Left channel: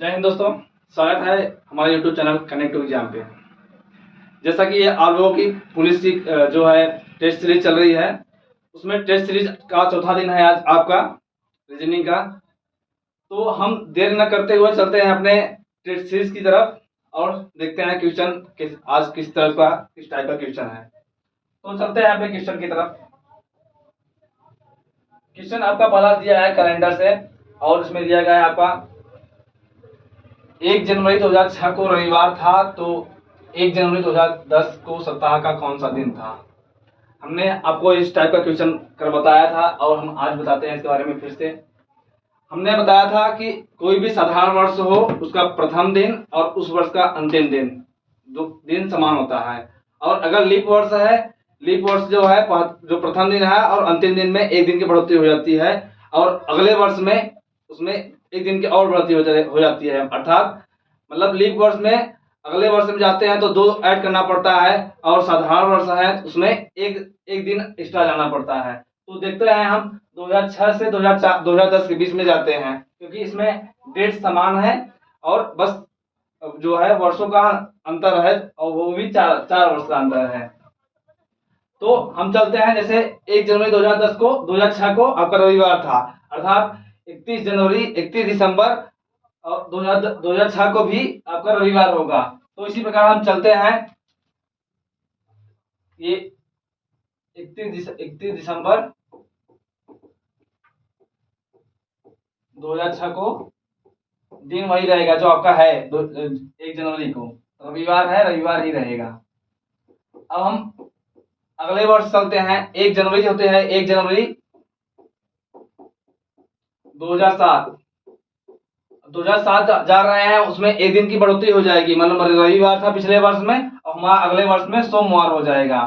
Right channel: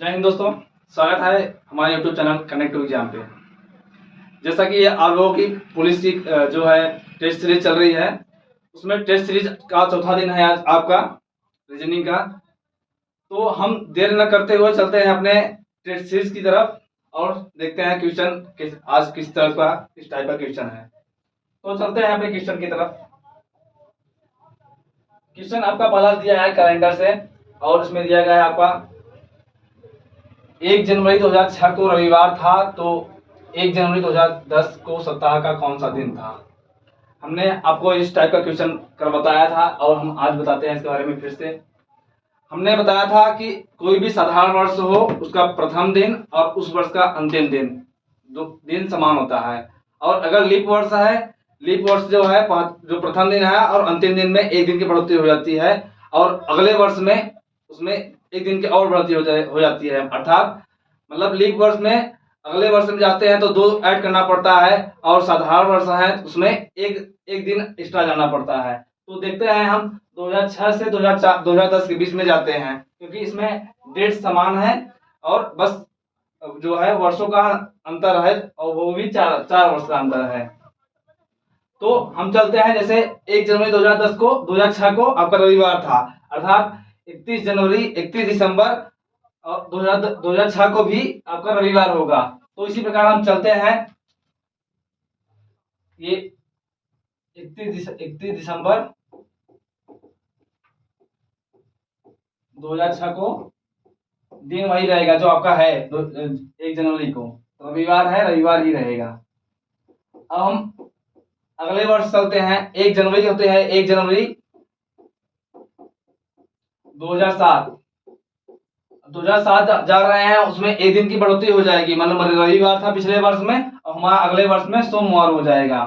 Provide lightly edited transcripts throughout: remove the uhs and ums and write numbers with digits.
जय हिंद दोस्तों, स्वागत है हमारे YouTube channel connect to exam पे। जैसा कि आप लोगों की पुलिस की जो है टेस्ट सीरीज चल रही है, उसमें टेस्ट सीरीज का चौथा दिन है आज आपका रीजनिंग का। तो हम देर न करते हुए चलते हैं अपने टेस्ट सीरीज की तरफ और देखते हैं क्वेश्चन आज किस टाइप का क्वेश्चन है। तो चलते हैं अपने क्वेश्चन की तरफ। क्वेश्चन आपका पहला दिया है कैलेंडर से और उसमें दिया गया है आपका 1 जनवरी 2006 को रविवार था, तो 1 जनवरी 2010 को सप्ताह का कौन सा दिन था। हमने आपको इस टाइप का क्वेश्चन कर बताया था और हम आज बताते हैं इसके बारे में फिर से। हमने बताया था कि कोई भी साधारण वर्ष हो, उसका प्रथम दिन और उस वर्ष का अंतिम दिन दो दिन समान होता है। और अगर लीप वर्ष है, लीप वर्ष जो है जो प्रथम दिन है और अंतिम दिन में एक दिन की बढ़ोतरी हो जाती है और अगले वर्ष में उसमें एक दिन की और बढ़ोतरी हो जाती है। अर्थात मतलब लीप वर्ष में अगले वर्ष में जाते हैं तो 2 ऐड करना पड़ता है और साधारण वर्ष है उसमें एक दिन एक्स्ट्रा जाना पड़ता है। तो देखते हैं हम 2006 से 2010 के बीच में जाते हैं, क्योंकि इसमें डेट समान है और बस जो है वर्षों का अंतर है और वो भी चार वर्ष का अंतर है। तो हम चलते हैं, जैसे 1 जनवरी 2010 को 2006 को आपका रविवार था, अर्थात 31 दिसंबर और 2006 को भी आपका रविवार होगा। तो इसी प्रकार हम चलते हैं, ये 31 दिसंबर 2006 को दिन वही रहेगा जो आपका है 1 जनवरी को रविवार है, रविवार ही रहेगा। अब हम अगले वर्ष चलते हैं, 1 जनवरी होते हैं 1 जनवरी 2007 जा रहे हैं, उसमें एक दिन की बढ़ोतरी हो जाएगी, मतलब रविवार था पिछले वर्ष में और हमारा अगले वर्ष में सोमवार हो जाएगा।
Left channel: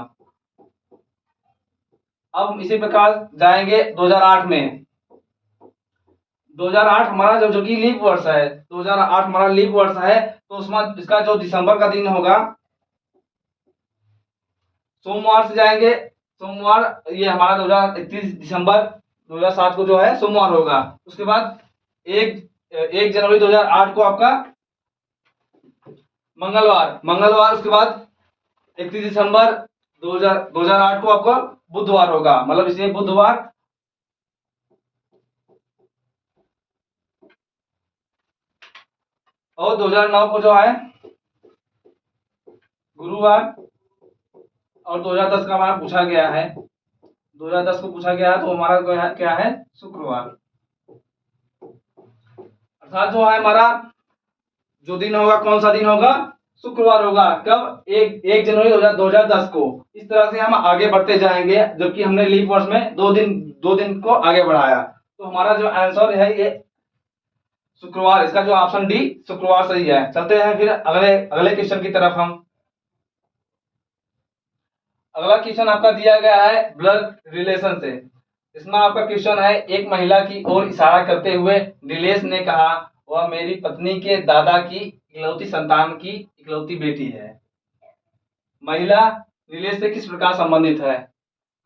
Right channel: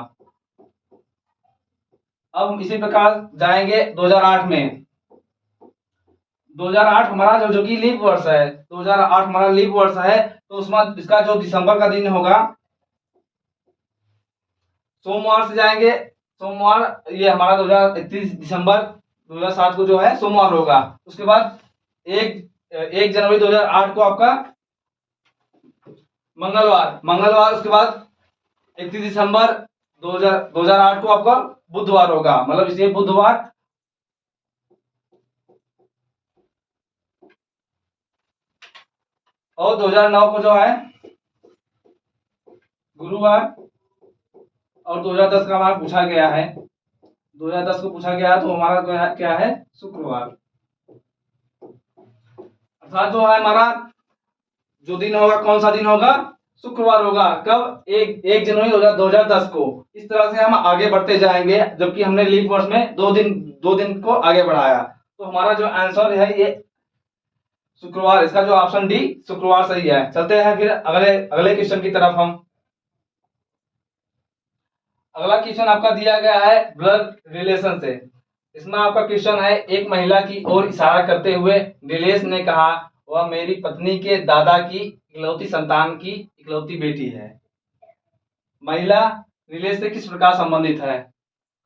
अब हम इसी प्रकार जाएंगे 2008 में। 2008 हमारा जो कि लीप वर्ष है, 2008 हमारा लीप वर्ष है, तो उसमें इसका जो दिसंबर का दिन होगा सोमवार से जाएंगे। सोमवार ये हमारा 31 दिसंबर 2007 को जो है सोमवार होगा। उसके बाद 1 जनवरी 2008 को आपका मंगलवार, उसके बाद 31 दिसंबर 2008 को आपका बुधवार होगा, मतलब इसलिए बुधवार। और 2009 को जो है गुरुवार और 2010 का हमारा पूछा गया है, 2010 को पूछा गया है तो हमारा क्या है शुक्रवार। अर्थात जो है हमारा जो दिन होगा कौन सा दिन होगा, शुक्रवार होगा। कब? 1 जनवरी 2010 को। इस तरह से हम आगे बढ़ते जाएंगे, जबकि हमने लीप वर्ष में दो दिन को आगे बढ़ाया। तो हमारा जो आंसर है ये शुक्रवार, इसका जो ऑप्शन डी शुक्रवार सही है। चलते हैं फिर अगले क्वेश्चन की तरफ। हम अगला क्वेश्चन आपका दिया गया है ब्लड रिलेशन से। इसमें आपका क्वेश्चन है, एक महिला की ओर इशारा करते हुए नीलेश ने कहा वह मेरी पत्नी के दादा की इकलौती संतान की इकलौती बेटी है। महिला नीलेश से किस प्रकार संबंधित है।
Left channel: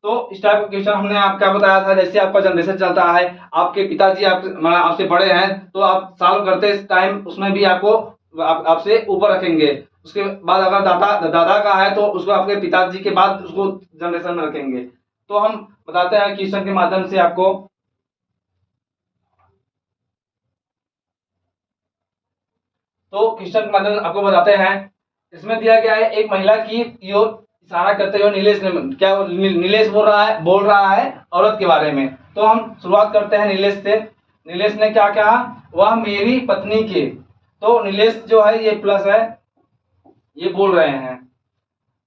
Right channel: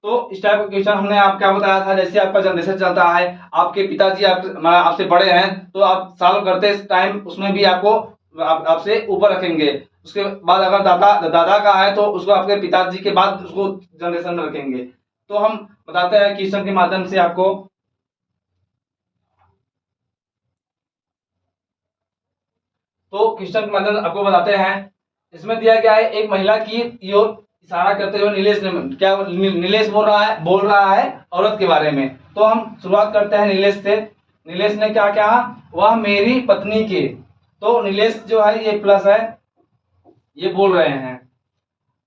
तो इस टाइप का क्वेश्चन हमने आप क्या बताया था, जैसे आपका जनरेशन चलता है, आपके पिताजी आपसे बड़े हैं तो आप सॉल्व करते टाइम उसमें भी आपको आपसे ऊपर रखेंगे। उसके बाद अगर दादा का है तो उसको आपके पिताजी के बाद उसको जनरेशन में रखेंगे। तो हम बताते हैं क्वेश्चन के माध्यम से आपको। तो क्वेश्चन के माध्यम से आपको बताते हैं, इसमें दिया गया है एक महिला की ओर इशारा करते हुए नीलेश ने क्या नीलेश बोल रहा है औरत के बारे में। तो हम शुरुआत करते हैं नीलेश से। नीलेश ने क्या कहा, वह मेरी पत्नी के। तो नीलेश जो है ये प्लस है, ये बोल रहे हैं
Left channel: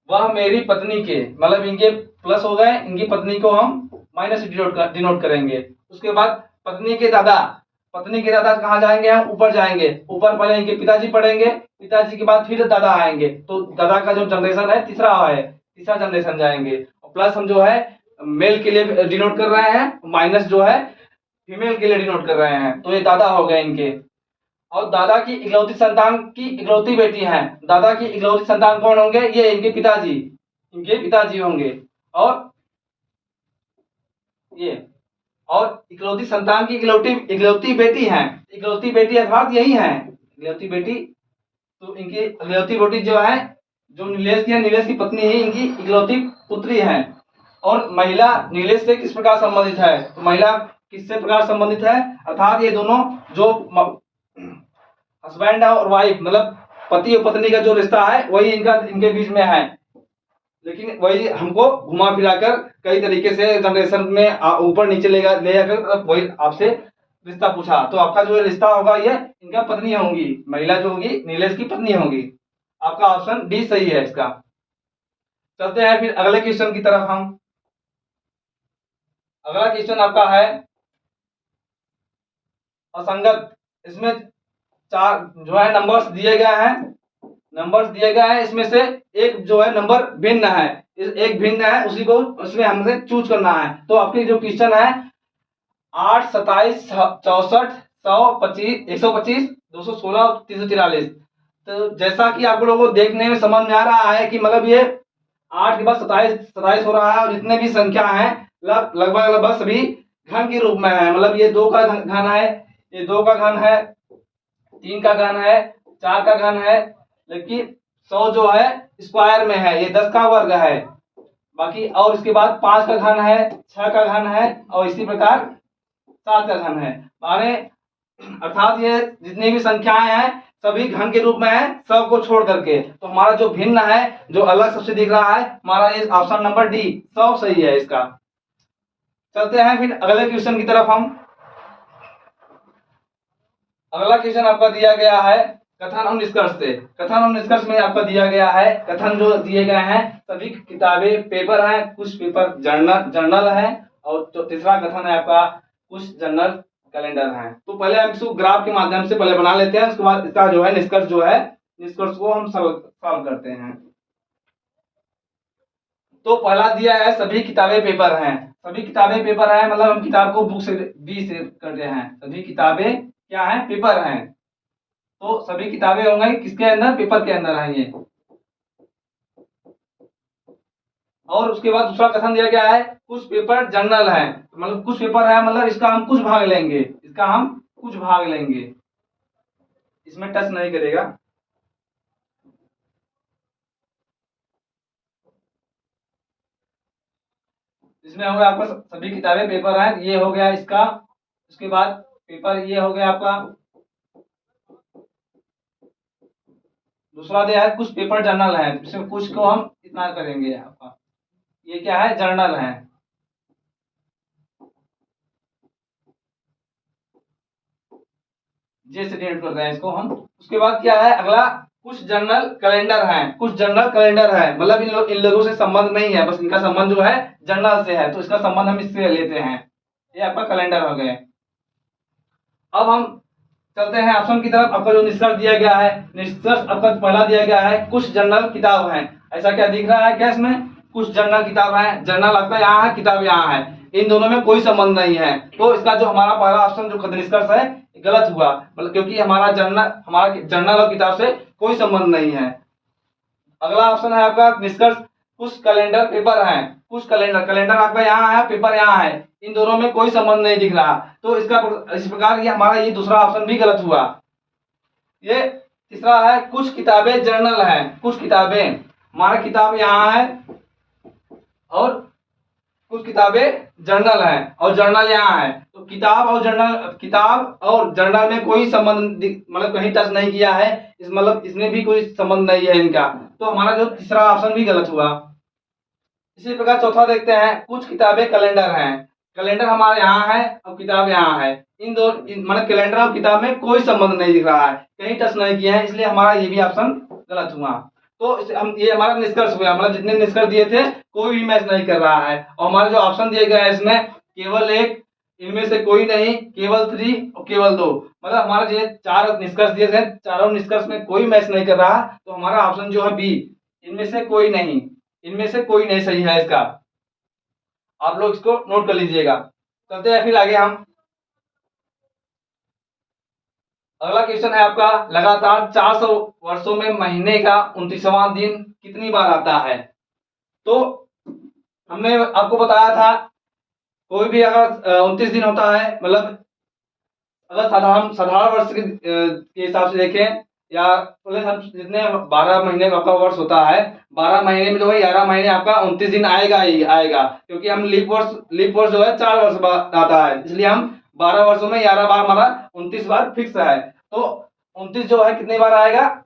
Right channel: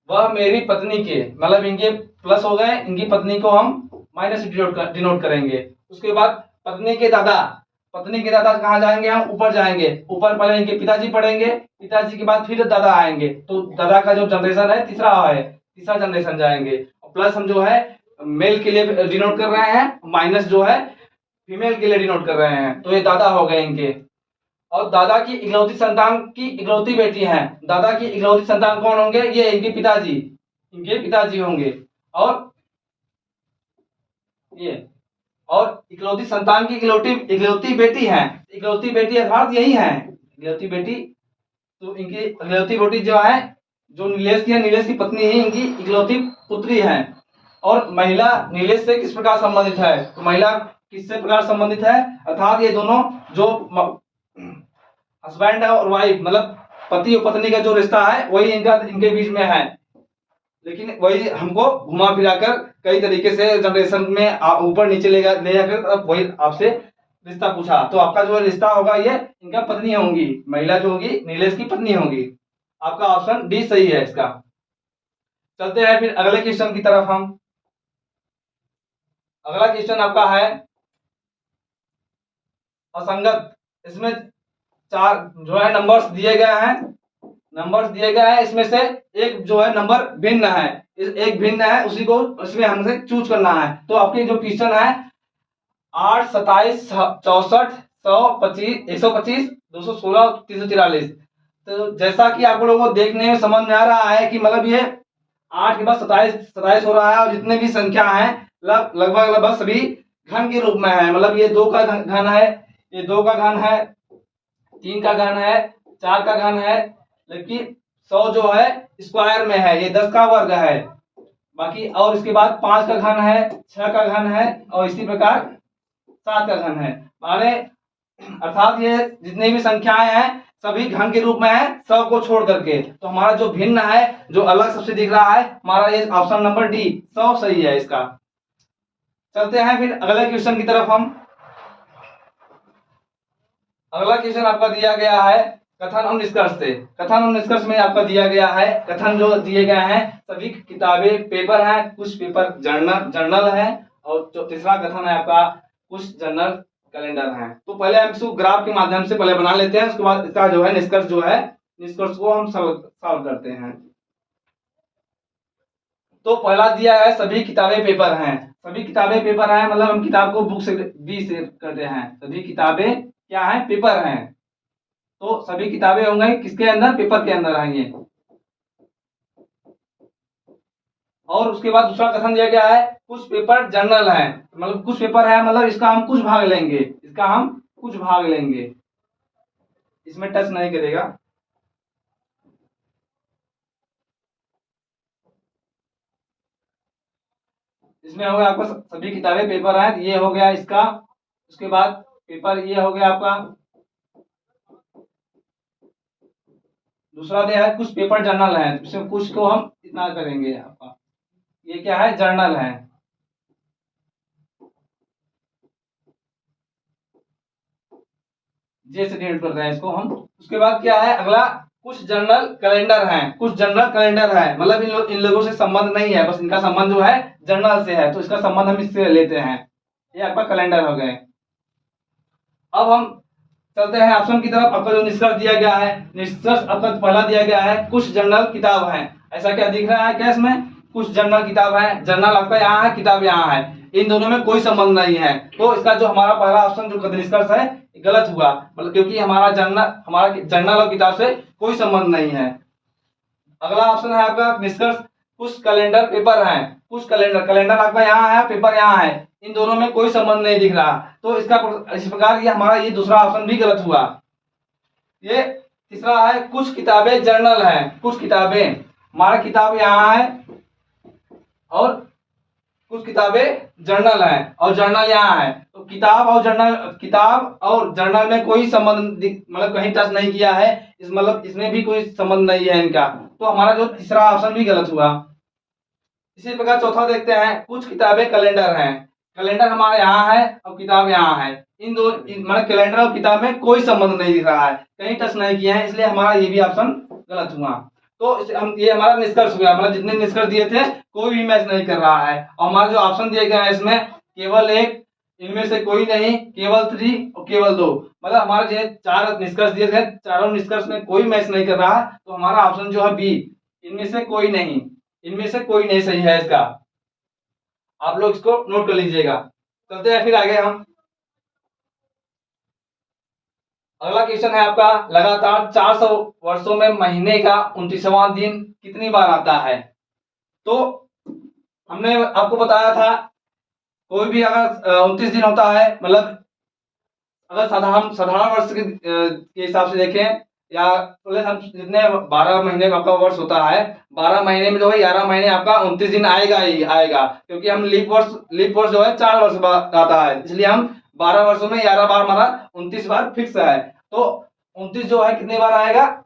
वह मेरी पत्नी के, मतलब इनके प्लस हो गए, इनकी पत्नी को हम माइनस डिनोट करेंगे। उसके बाद पत्नी के दादा कहाँ जाएंगे, हम ऊपर जाएंगे। ऊपर पहले इनके पिताजी पढ़ेंगे, पिताजी के बाद फिर दादा आएंगे, तो दादा का जो जनरेशन है तीसरा जनरेशन जाएंगे। प्लस हम जो है मेल के लिए डिनोट कर रहे हैं, माइनस जो है फीमेल के लिए डिनोट कर रहे हैं, तो ये दादा हो गए इनके। और दादा की इकलौती संतान की इकलौती बेटी है। दादा की इकलौती संतान कौन होंगे, ये इनके पिताजी होंगे। और ये और इकलौती संतान की इकलौती बेटी है, इकलौती बेटी अर्थात यही है, इकलौती बेटी, तो इनकी इकलौती बेटी जो है, जो नीलेश की है, नीलेश की पत्नी ही इनकी इकलौती पुत्री है। और महिला नीलेश से किस प्रकार संबंधित है, तो महिला किससे प्रकार संबंधित है, अर्थात ये दोनों जो हस्बैंड और वाइफ, मतलब पति और पत्नी का जो रिश्ता है वही इनके बीच में है। लेकिन वही हमको घुमा फिराकर कई तरीके से जनरेशन में ऊपर नीचे ले जाकर वही आपसे रिश्ता पूछा। तो आपका जो रिश्ता होगा ये इनका पत्नी होंगी, महिला जो होगी नीलेश की पत्नी होगी। आपका ऑप्शन डी सही है इसका। चलते हैं फिर अगले क्वेश्चन की तरफ हम। अगला क्वेश्चन आपका है असंगत। इसमें चार जो है नंबर्स दिए गए हैं, नंबर्स दिए गए हैं, इसमें से एक जो है नंबर भिन्न है, एक भिन्न है, उसी को उसमें हमसे चूज करना है। तो आपके जो क्वेश्चन है 8, 27, 64, 125, 125, 216, 343। तो जैसा कि आप लोगों को देखने में समझ में आ रहा है कि मतलब ये 8 के बाद 27 हो रहा है, और जितने भी संख्या है लगभग सभी घन के रूप में है। मतलब ये 2 का घन है, ये 2 का घन है, 3 का घन है, 4 का घन है, लेकिन 100 जो है स्क्वायर में है, ये 10 का वर्ग है। बाकी और इसके बाद 5 का घन है, 6 का घन है, और इसी प्रकार 7 का घन है। माने अर्थात ये जितनी भी संख्याएं हैं सभी घन के रूप में है, 100 को छोड़ करके। तो हमारा जो भिन्न है, जो अलग सबसे दिख रहा है, हमारा ये ऑप्शन नंबर डी 100 सही है इसका। चलते हैं फिर अगले क्वेश्चन की तरफ हम। अगला क्वेश्चन आपका दिया गया है कथन और निष्कर्ष से। कथन और निष्कर्ष में आपका दिया गया है, कथन जो दिए गए हैं सभी किताबें पेपर हैं, कुछ पेपर जर्नल है, और जो तीसरा कथन है आपका कुछ जर्नल कैलेंडर हैं। तो पहले हम इसको ग्राफ के माध्यम से पहले बना लेते हैं, उसके बाद इसका जो है निष्कर्ष जो है, निष्कर्ष को हम सॉल्व करते हैं। तो पहला दिया है सभी किताबें पेपर हैं। सभी किताबें पेपर हैं मतलब हम किताब को बुक से बी से करते हैं। सभी किताबें क्या है, पेपर हैं। तो सभी किताबें होंगी किसके अंदर, पेपर के अंदर आएंगे। और उसके बाद दूसरा कथन दिया गया है कुछ पेपर जर्नल है, मतलब कुछ पेपर है मतलब इसका हम कुछ भाग लेंगे, इसका हम कुछ भाग लेंगे, इसमें टच नहीं करेगा। इसमें हो गया आपका सभी किताबें पेपर हैं, ये हो गया इसका। उसके बाद पेपर ये हो गया आपका। दूसरा दिया है कुछ पेपर जर्नल है, इसमें कुछ को हम इतना करेंगे आपका, ये क्या है, जर्नल है। जैसे डिनोट करते हैं इसको हम। उसके बाद क्या है अगला, कुछ जर्नल कैलेंडर हैं। कुछ जर्नल कैलेंडर है मतलब इन लोगों से संबंध नहीं है, बस इनका संबंध जो है जर्नल से है, तो इसका संबंध हम इससे लेते हैं। ये आपका कैलेंडर हो गए। अब हम चलते हैं ऑप्शन की तरफ। आपका जो निष्कर्ष दिया गया है, निष्कर्ष आपका पहला दिया गया है कुछ जर्नल किताब है। ऐसा क्या दिख रहा है क्या, इसमें कुछ जर्नल किताब है, जर्नल आपका यहाँ है, किताब यहाँ है, इन दोनों में कोई संबंध नहीं है। तो इसका जो हमारा पहला ऑप्शन जो निष्कर्ष है गलत हुआ, मतलब क्योंकि हमारा जर्नल और किताब से कोई संबंध नहीं है। अगला ऑप्शन है आपका निष्कर्ष कुछ कैलेंडर पेपर है। कुछ कैलेंडर आपका यहाँ है, पेपर यहाँ है, इन दोनों में कोई संबंध नहीं दिख रहा। तो इसका इस प्रकार ये हमारा ये दूसरा ऑप्शन भी गलत हुआ। ये तीसरा है कुछ किताबें जर्नल है। कुछ किताबें, हमारा किताब यहाँ है और कुछ किताबें जर्नल है और जर्नल यहाँ है। तो किताब और जर्नल में कोई संबंध मतलब कहीं टच नहीं किया है, इस मतलब इसमें भी कोई संबंध नहीं है इनका। तो हमारा जो तीसरा ऑप्शन भी गलत हुआ। इसी प्रकार चौथा देखते हैं कुछ किताबें कैलेंडर हैं। कैलेंडर हमारे यहाँ है और किताब यहाँ है, इन दो मतलब कैलेंडर और किताब में कोई संबंध नहीं दिख रहा है, कहीं टच नहीं किया है, इसलिए हमारा ये भी ऑप्शन गलत हुआ। तो ये हमारा निष्कर्ष हुआ, मतलब जितने निष्कर्ष दिए थे कोई भी मैच नहीं कर रहा है। और हमारे जो ऑप्शन दिए गए हैं इसमें केवल एक, इनमें से कोई नहीं, केवल 3 और केवल 2, मतलब हमारे जो 4 निष्कर्ष दिए गए, चारों निष्कर्ष में कोई मैच नहीं कर रहा। तो हमारा ऑप्शन जो है बी, इनमें से कोई नहीं, इनमें से कोई नहीं सही है इसका। आप लोग इसको नोट कर लीजिएगा। चलते हैं फिर आगे हम। अगला क्वेश्चन है आपका लगातार 400 वर्षों में महीने का 29वां दिन कितनी बार आता है। तो हमने आपको बताया था कोई भी अगर 29 दिन होता है मतलब अगर साधारण वर्ष के हिसाब से देखें, या बोले हम जितने 12 महीने का आपका वर्ष होता है, 12 महीने में जो है 11 महीने आपका 29 दिन आएगा ही आएगा, क्योंकि हम लीप वर्ष जो है 4 वर्ष बाद आता है, इसलिए हम 12 वर्षों में 11 बार हमारा 29 बार फिक्स है। तो 29 जो है कितने बार आएगा,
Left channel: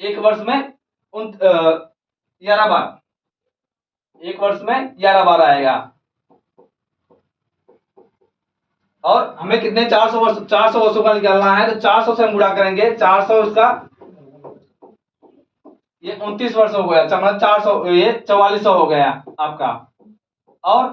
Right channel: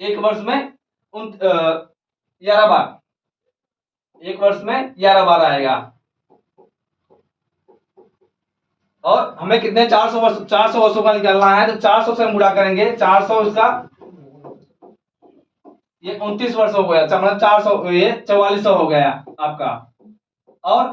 एक वर्ष में 11 बार, एक वर्ष में 11 बार आएगा। और हमें कितने 400 वर्षों का निकालना है, तो 400 से हम गुणा करेंगे, 400 इसका ये 29 वर्ष हो गया, मतलब 400 ये 4400 हो गया आपका। और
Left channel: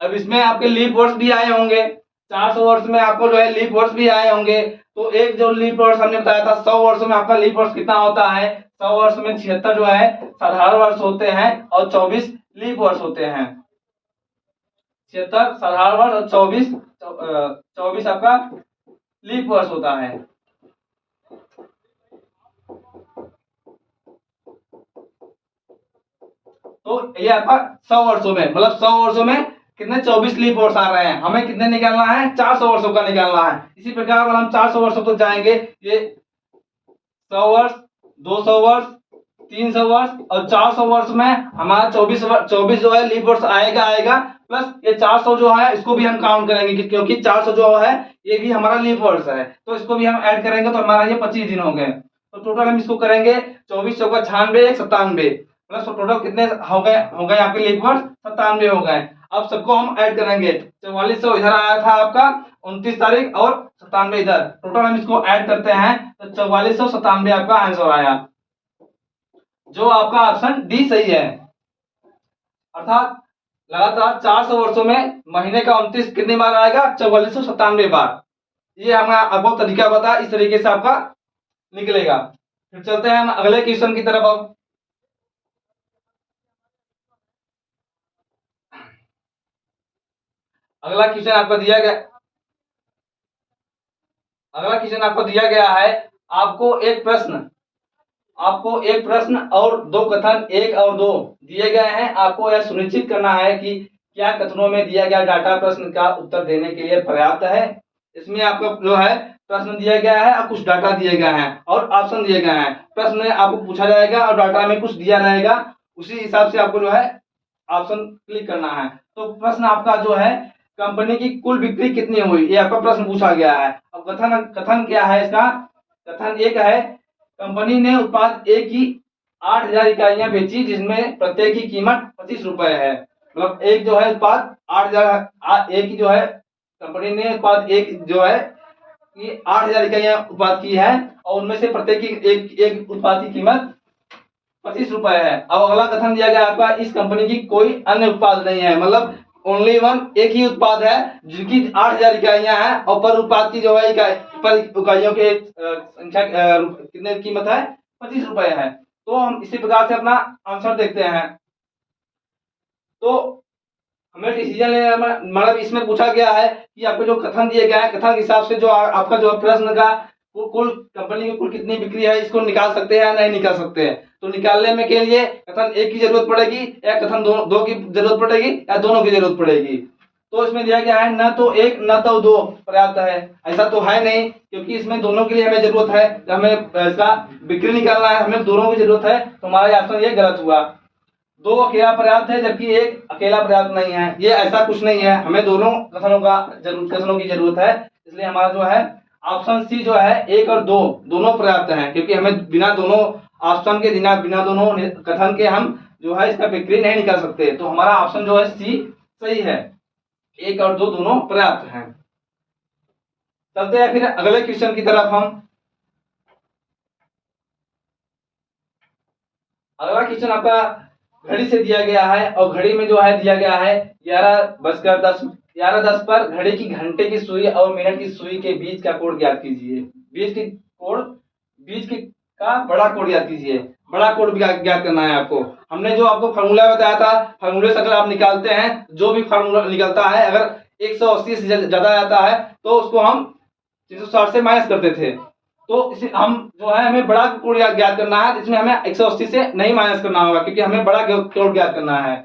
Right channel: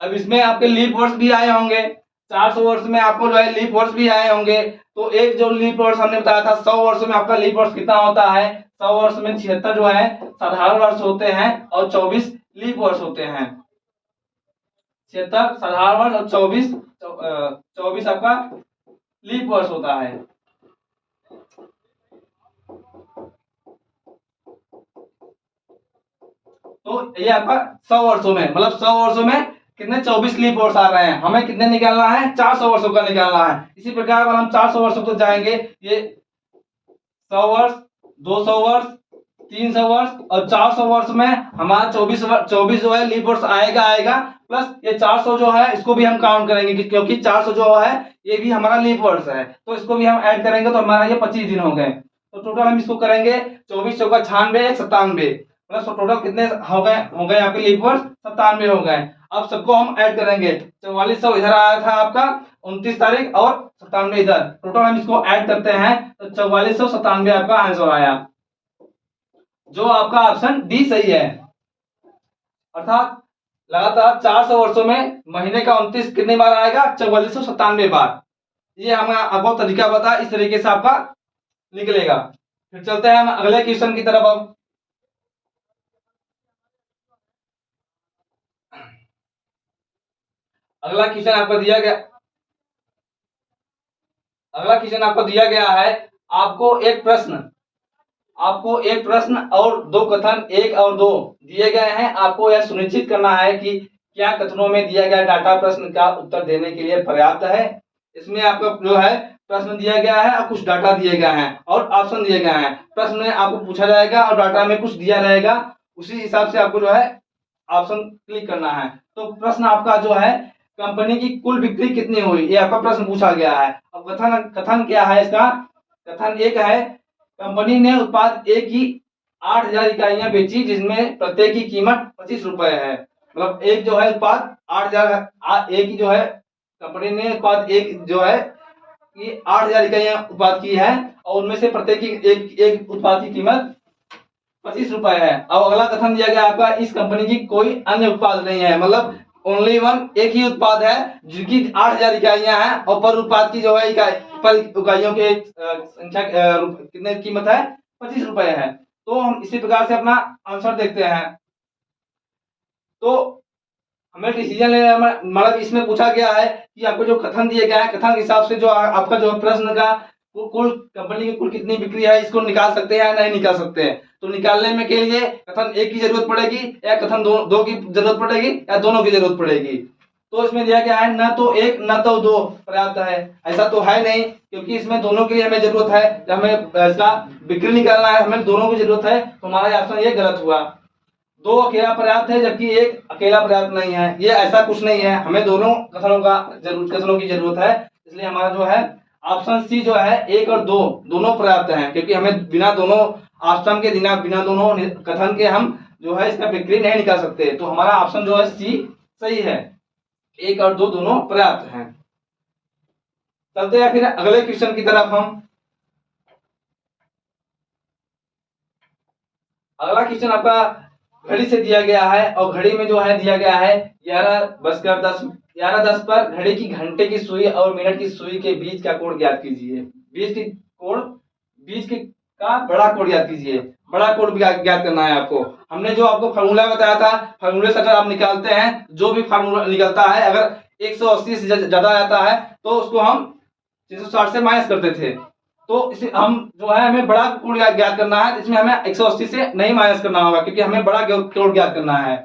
अब इसमें आपके लीप वर्ष भी आए होंगे, 400 वर्ष में आपको जो है लीप वर्ष भी आए होंगे। तो एक जो लीप वर्ष हमने बताया था 100 वर्षों में आपका लीप वर्ष कितना होता है, 100 वर्ष में 76 जो है साधारण वर्ष होते हैं और 24 लीप वर्ष होते हैं। 76 साधारण वर्ष और 24 आपका लीप वर्ष होता है। तो ये आपका 100 वर्षों में, मतलब 100 वर्षों में कितने 24 लीप वर्ष आ रहे हैं, हमें कितने निकालना है, 400 वर्षों का निकालना है। इसी प्रकार अगर हम 400 वर्षों को जाएंगे, ये 100 वर्ष, 200 वर्ष, 300 वर्ष और 400 वर्ष में हमारा 24 जो है लीप वर्ष आएगा प्लस ये 400 जो है इसको भी हम काउंट करेंगे, क्योंकि 400 जो है ये भी हमारा लीप वर्ष है, तो इसको भी हम ऐड करेंगे, तो हमारा ये 25 दिन हो गए। तो टोटल हम इसको करेंगे 24 चौका 96, 97, मतलब टोटल कितने हो गए आपके लीप वर्ष 97 हो गए। अब सबको हम ऐड करेंगे, 4400 इधर आया था आपका 29 तारीख और 97 इधर, टोटल हम इसको ऐड करते हैं तो 4497 आपका आंसर आया, जो आपका ऑप्शन डी सही है। अर्थात लगातार 400 वर्षों में महीने का 29 कितनी बार आएगा, 4497 बार। ये हमें आपको तरीका बता, इस तरीके से आपका निकलेगा। फिर चलते हैं हम अगले क्वेश्चन की तरफ। अब अगला क्वेश्चन आपको दिया गया, है आपको एक प्रश्न और दो कथन, एक और दो दिए गए हैं। आपको यह सुनिश्चित करना है कि क्या कथनों में दिया गया डाटा प्रश्न का उत्तर देने के लिए पर्याप्त है। इसमें आपको जो है प्रश्न दिया गया है और कुछ डाटा दिए गए हैं और ऑप्शन दिए गए हैं। प्रश्न में आपको पूछा जाएगा और डाटा में कुछ दिया रहेगा, उसी हिसाब से आपको जो है ऑप्शन क्लिक करना है। तो प्रश्न आपका जो है कंपनी की कुल बिक्री कितनी हुई, ये आपका प्रश्न पूछा गया है। अब कथन क्या है इसका, कथन एक है कंपनी ने उत्पाद ए की 8000 इकाइयां बेची, जिसमें प्रत्येक की कीमत 25 रुपए है। मतलब एक जो है उत्पाद 8000 ए की जो है कंपनी ने उत्पाद एक जो है कि 8000 इकाइयां उत्पाद की है और उनमें से प्रत्येक की एक उत्पाद की कीमत 25 रुपए है। अब अगला कथन दिया गया आपका इस कंपनी की कोई अन्य उत्पाद नहीं है, मतलब ओनली वन, एक ही उत्पाद है जिनकी 8000 इकाइयां हैं और पर उत्पाद की जो है इकाइयों के संख्या कितने कीमत है 25 रुपए है। तो हम इसी प्रकार से अपना आंसर देखते हैं। तो हमें डिसीजन लेने में मतलब इसमें पूछा गया है कि आपको जो कथन दिए गया है, कथन के हिसाब से जो आपका जो प्रश्न का कुल कंपनी की कुल कितनी बिक्री है इसको निकाल सकते हैं या नहीं निकाल सकते हैं। तो निकालने में के लिए कथन एक की जरूरत पड़ेगी या कथन दो की जरूरत पड़ेगी या दोनों की जरूरत पड़ेगी। तो इसमें दिया गया है न तो एक न तो दो पर्याप्त है, ऐसा तो है नहीं, क्योंकि इसमें दोनों के लिए हमें जरूरत है, हमें इसका बिक्री निकालना है, हमें दोनों की जरूरत है, तो हमारा ऑप्शन ये गलत हुआ। दो अकेला पर्याप्त है जबकि एक अकेला पर्याप्त नहीं है, ये ऐसा कुछ नहीं है, हमें दोनों कथनों की जरूरत है, इसलिए हमारा जो है ऑप्शन सी जो है एक और दो दोनों पर्याप्त हैं, क्योंकि हमें बिना दोनों ऑप्शन के बिना दोनों कथन के हम जो है इसका बिक्री नहीं निकाल सकते। तो हमारा ऑप्शन जो है सी सही है, एक और दो दोनों पर्याप्त हैं। चलते हैं फिर अगले क्वेश्चन की तरफ। हम अगला क्वेश्चन आपका घड़ी से दिया गया है और घड़ी में जो है दिया गया है 11:10 पर घड़ी की घंटे की सुई और मिनट की सुई के बीच का कोण ज्ञात कीजिए। बीच की का बड़ा कोण ज्ञात कीजिए। बड़ा कोण ज्ञात करना है आपको। हमने जो आपको फार्मूला बताया था, फार्मूले से अगर आप निकालते हैं, जो भी फार्मूला निकलता है अगर 180 से ज्यादा आता है तो उसको हम 360 से माइनस करते थे। तो इसे हम जो है हमें बड़ा कोण ज्ञात करना है, इसमें हमें 180 से नहीं माइनस करना होगा, क्योंकि हमें बड़ा कोण ज्ञात करना है।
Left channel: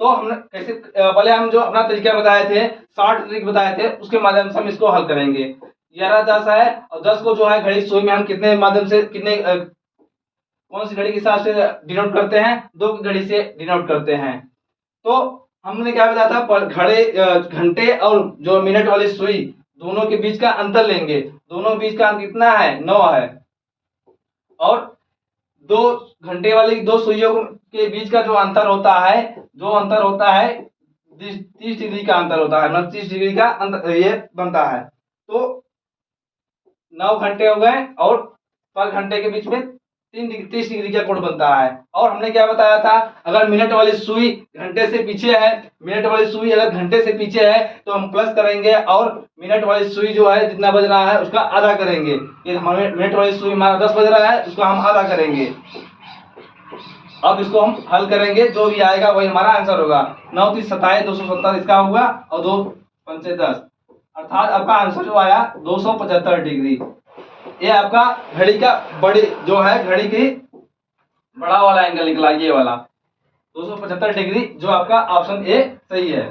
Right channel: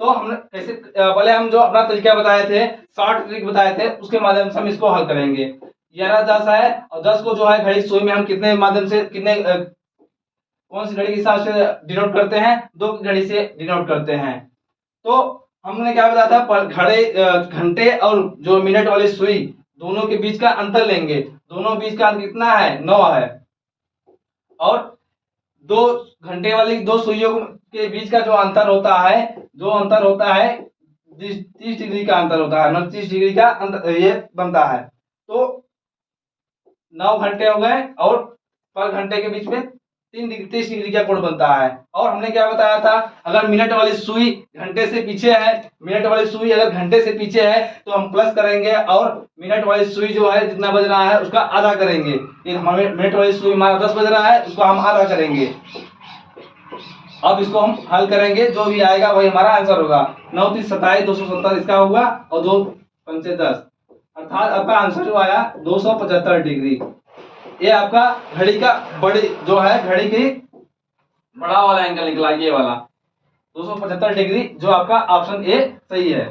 तो हमने कैसे पहले हम जो अपना तरीका बताए थे, शॉर्ट ट्रिक बताए थे, उसके माध्यम से हम इसको हल करेंगे। 11 10 है और 10 को जो है घड़ी सुई में हम कितने माध्यम से कितने कौन सी घड़ी के हिसाब से डिनोट करते हैं, 2 की घड़ी से डिनोट करते हैं। तो हमने क्या बताया था, घंटे और जो मिनट वाली सुई दोनों के बीच का अंतर लेंगे, दोनों बीच का अंतर कितना है, 9 है। और 2 घंटे वाली 2 सुइयों के बीच का जो अंतर होता है, 30 डिग्री का अंतर होता है, मतलब 30 डिग्री का अंतर ये बनता है। तो 9 घंटे हो गए और पर घंटे के बीच में 30 डिग्री का कोण बनता है। और हमने क्या बताया था, अगर मिनट वाली सुई घंटे से पीछे है, मिनट वाली सुई अगर घंटे से पीछे है तो हम प्लस करेंगे और मिनट वाली सुई जो है जितना बज रहा है उसका आधा करेंगे। ये हमारे मिनट वाली सुई हमारा 10 बज रहा है, उसको हम आधा करेंगे। अब इसको हम हल करेंगे, जो भी आएगा वही हमारा आंसर होगा। 9 3 27 270 इसका होगा और 2 5 10, अर्थात आपका आंसर जो आया 275 डिग्री। ये आपका घड़ी का बड़ी जो है, घड़ी की बड़ा वाला एंगल निकला, ये वाला 275 डिग्री, जो आपका ऑप्शन ए सही है।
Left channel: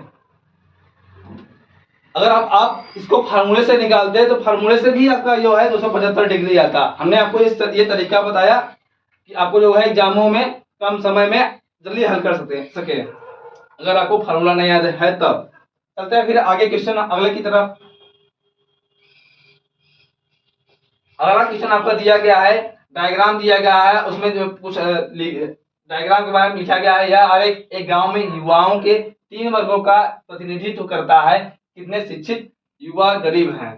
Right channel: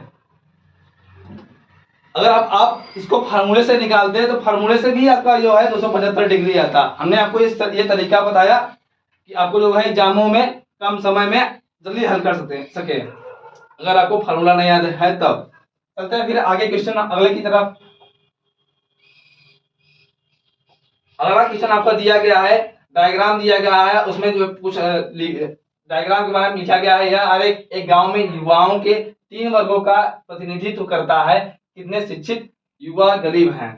अगर आप इसको फार्मूले से निकालते हैं तो फार्मूले से भी आपका जो है 275 डिग्री आता। हमने आपको ये तरीका बताया कि आपको जो है एग्जामों में कम समय में जल्दी हल कर सके। अगर आपको फार्मूला नहीं याद है तब। चलते हैं फिर आगे क्वेश्चन अगले की तरफ। अगला क्वेश्चन आपका दिया गया है, डायग्राम दिया गया है, उसमें जो कुछ डायग्राम के बारे में लिखा गया है। यह एक गांव में युवाओं के 3 वर्गों का प्रतिनिधित्व करता है। कितने शिक्षित युवा गरीब हैं।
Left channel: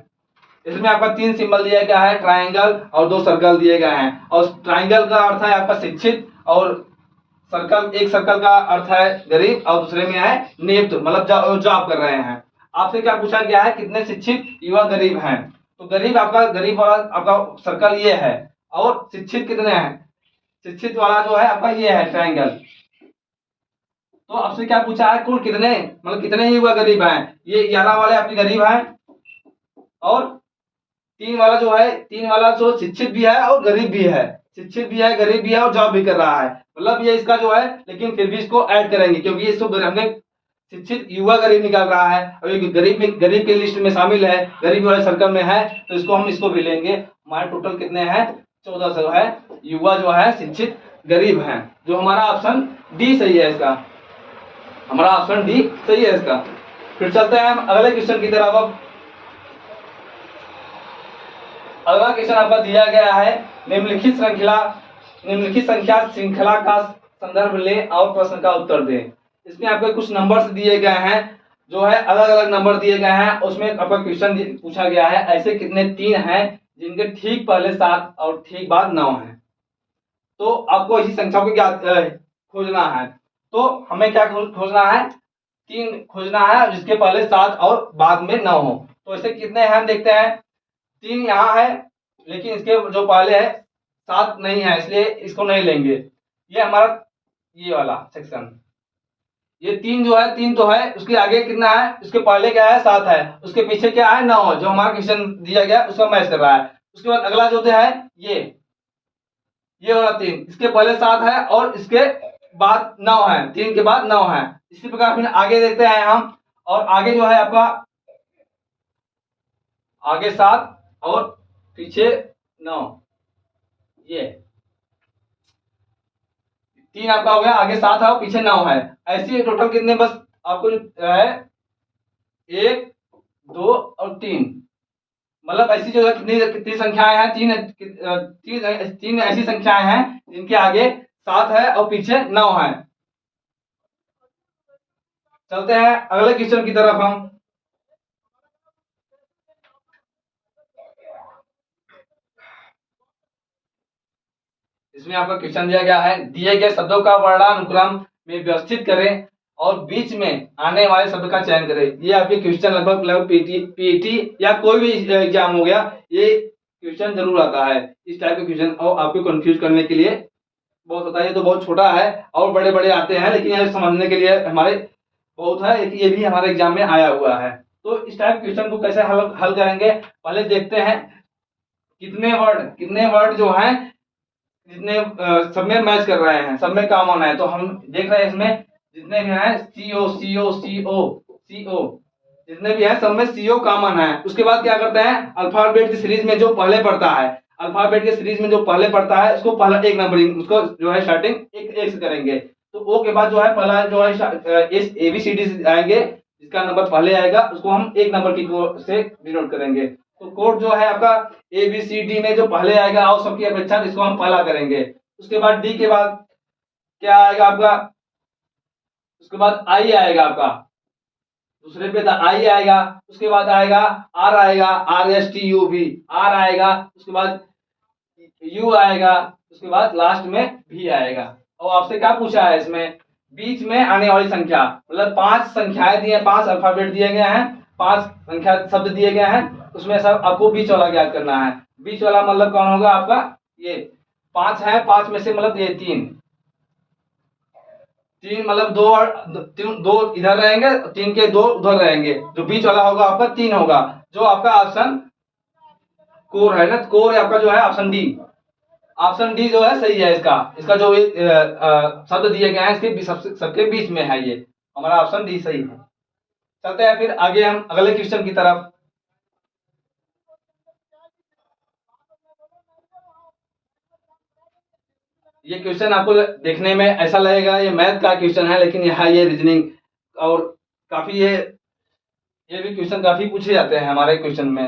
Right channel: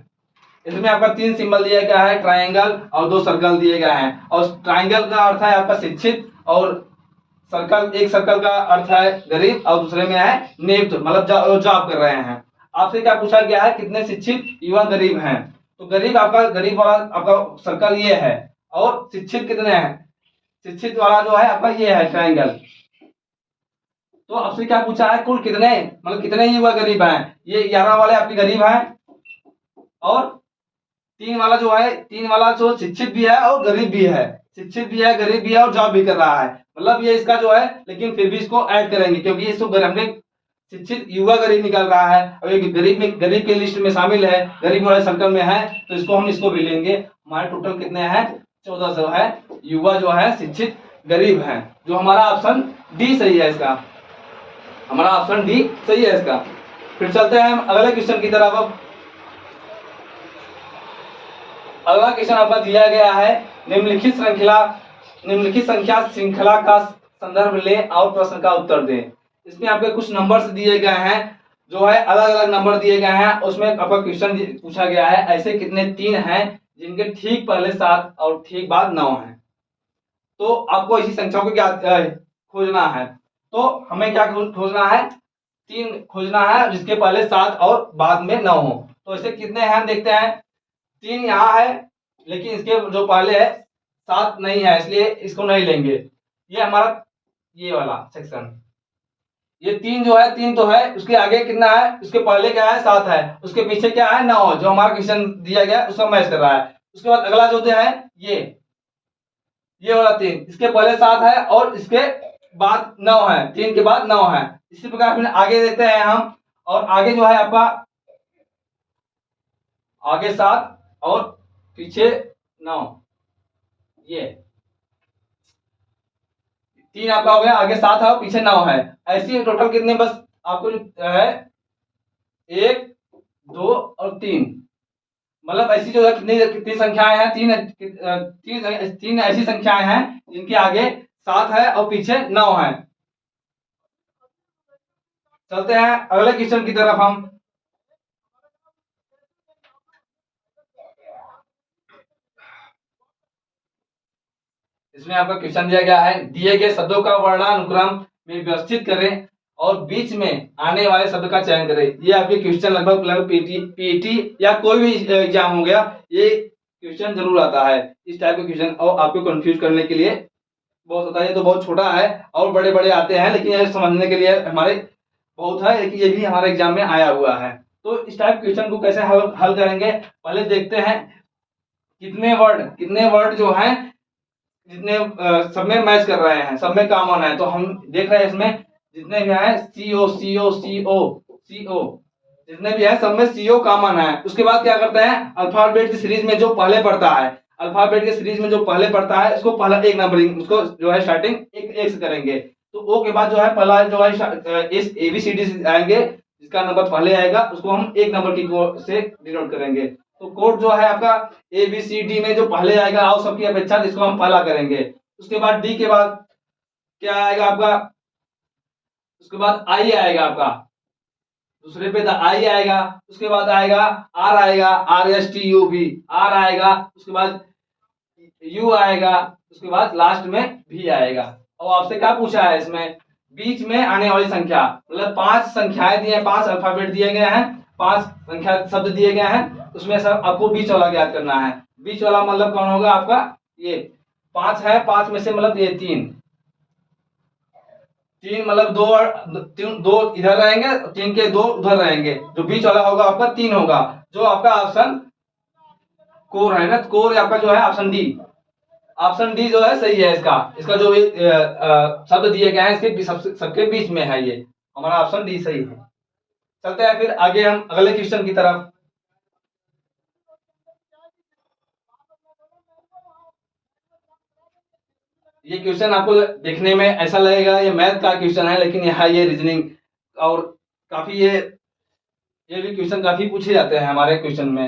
इसमें आपका 3 सिंबल दिया गया है, ट्रायंगल और 2 सर्कल दिए गए हैं। और ट्रायंगल का अर्थ है आपका शिक्षित, और एक सर्कल का अर्थ है गरीब, और दूसरे में है नियुक्त, मतलब जॉब कर रहे हैं। आपसे क्या पूछा गया है, कितने शिक्षित युवा गरीब हैं। तो गरीब वाला आपका सर्कल ये है, और शिक्षित कितने हैं, शिक्षित वाला जो है आपका ये है ट्रायंगल। तो आपसे क्या पूछा है, कुल कितने, मतलब कितने युवा गरीब हैं। ये 11 वाले आपके गरीब हैं, और 3 वाला जो है, 3 वाला जो शिक्षित भी है और गरीब भी है, शिक्षित भी है गरीब भी है और जॉब भी कर रहा है, मतलब ये इसका जो है। लेकिन फिर भी इसको ऐड करेंगे क्योंकि इसको हमने शिक्षित युवा गरीब निकाल रहा है और ये गरीब के लिस्ट में शामिल है, गरीब वाले सर्कल में है, तो इसको भी लेंगे। हमारे टोटल कितने हैं, 1400 है। युवा जो है शिक्षित गरीब है, जो हमारा ऑप्शन डी सही है इसका, हमारा ऑप्शन डी सही है इसका। फिर चलते हैं अगले क्वेश्चन की तरफ। अब अगला क्वेश्चन आपका दिया गया है, निम्नलिखित संख्या श्रृंखला का संदर्भ ले और प्रश्न का उत्तर दें। इसमें आपके कुछ नंबर्स दिए गए हैं, जो है अलग अलग नंबर दिए गए हैं। उसमें आपका क्वेश्चन पूछा गया है, ऐसे कितने 3 हैं जिनके ठीक पहले 7 और ठीक बाद 9 है। तो आपको ऐसी संख्याओं को क्या खोजना है। तो हमें क्या खोजना है, 3 खोजना है जिसके पहले 7 और बाद में 9 हो। तो ऐसे कितने हैं देखते हैं। 3 यहाँ है, लेकिन इसके जो पहले है 7 नहीं है, इसलिए इसको नहीं लेंगे। ये हमारा ये वाला सेक्शन, ये 3 जो है, 3 तो है, उसके आगे कितना है, उसके पहले क्या है 7 है, उसके पीछे क्या है 9 है, जो हमारा क्वेश्चन दिया गया उसका मैच कर रहा है। उसके बाद अगला जो है ये वाला 3, इसके पहले 7 है और इसके बाद 9 है, 3 के बाद 9 है। इसी प्रकार फिर आगे देखते हैं हम, और आगे जो है आपका आगे 7 और पीछे 9, ये 3 आपका हो गया, आगे 7 है और पीछे 9 है। ऐसी टोटल कितने बस आपको जो है 1 2 और 3, मतलब ऐसी जो है कितनी संख्याएं हैं, 3 ऐसी संख्याएं हैं जिनके आगे 7 है और पीछे 9 है। चलते हैं अगले क्वेश्चन की तरफ हम। इसमें आपका क्वेश्चन दिया गया है, दिए गए शब्दों का वर्णानुक्रम में व्यवस्थित करें और बीच में आने वाले शब्द का चयन करें। ये आपके क्वेश्चन लगभग पीटी या कोई भी एग्जाम हो गया, ये क्वेश्चन जरूर आता है इस टाइप के क्वेश्चन, और आपको कंफ्यूज करने के लिए बहुत होता है। ये तो बहुत छोटा है और बड़े बड़े आते हैं, लेकिन ये समझने के लिए हमारे बहुत है कि ये भी हमारे एग्जाम में आया हुआ है। तो इस टाइप क्वेश्चन को कैसे हल करेंगे, पहले देखते हैं कितने वर्ड जो हैं जितने सब में मैच कर रहे हैं, सब में कॉमन है। तो हम देख रहे हैं इसमें जितने भी हैं CO CO CO CO जितने भी हैं सब में CO कॉमन है। उसके बाद क्या करते हैं, अल्फाबेट की सीरीज में जो पहले पढ़ता है, अल्फाबेट के सीरीज में जो पहले पढ़ता है उसको पहला एक नंबरिंग, उसको जो है स्टार्टिंग एक से करेंगे। तो ओ के बाद जो है पहला जो है इस ABCD से आएंगे, जिसका नंबर पहले आएगा उसको हम एक नंबर की से डिनोट करेंगे। तो कोड जो है आपका ABCD में जो पहले आएगा आओ सबकी अपेक्षा, इसको हम पहला करेंगे। उसके बाद D के बाद क्या आएगा आपका, उसके बाद I आएगा आपका, दूसरे पे आई आएगा। उसके बाद आएगा आर, आएगा RSTUV आर आएगा। उसके बाद यू आएगा। उसके बाद लास्ट में भी आएगा। और आपसे क्या पूछा है इसमें, बीच में आने वाली संख्या, मतलब 5 संख्याएं दी हैं, 5 अल्फाबेट दिए गए हैं, 5 संख्या शब्द दिए गए हैं, उसमें सब आपको बीच वाला ज्ञात करना है। बीच वाला मतलब कौन होगा आपका, ये 5 है, 5 में से मतलब ये 3 मतलब दो इधर रहेंगे, 3 के 2 उधर रहेंगे, जो बीच वाला होगा आपका 3 होगा, जो आपका ऑप्शन कोर रहेगा। कोर आपका जो है ऑप्शन डी, ऑप्शन डी जो है सही है। इसका इसका जो शब्द दिए गए हैं इसके सबके बीच में है, ये हमारा ऑप्शन डी सही है। चलते हैं फिर आगे हम अगले क्वेश्चन की तरफ। ये क्वेश्चन आपको देखने में ऐसा लगेगा ये मैथ का क्वेश्चन है, लेकिन यहाँ ये रीजनिंग और काफी ये भी क्वेश्चन काफी पूछे जाते हैं हमारे क्वेश्चन में,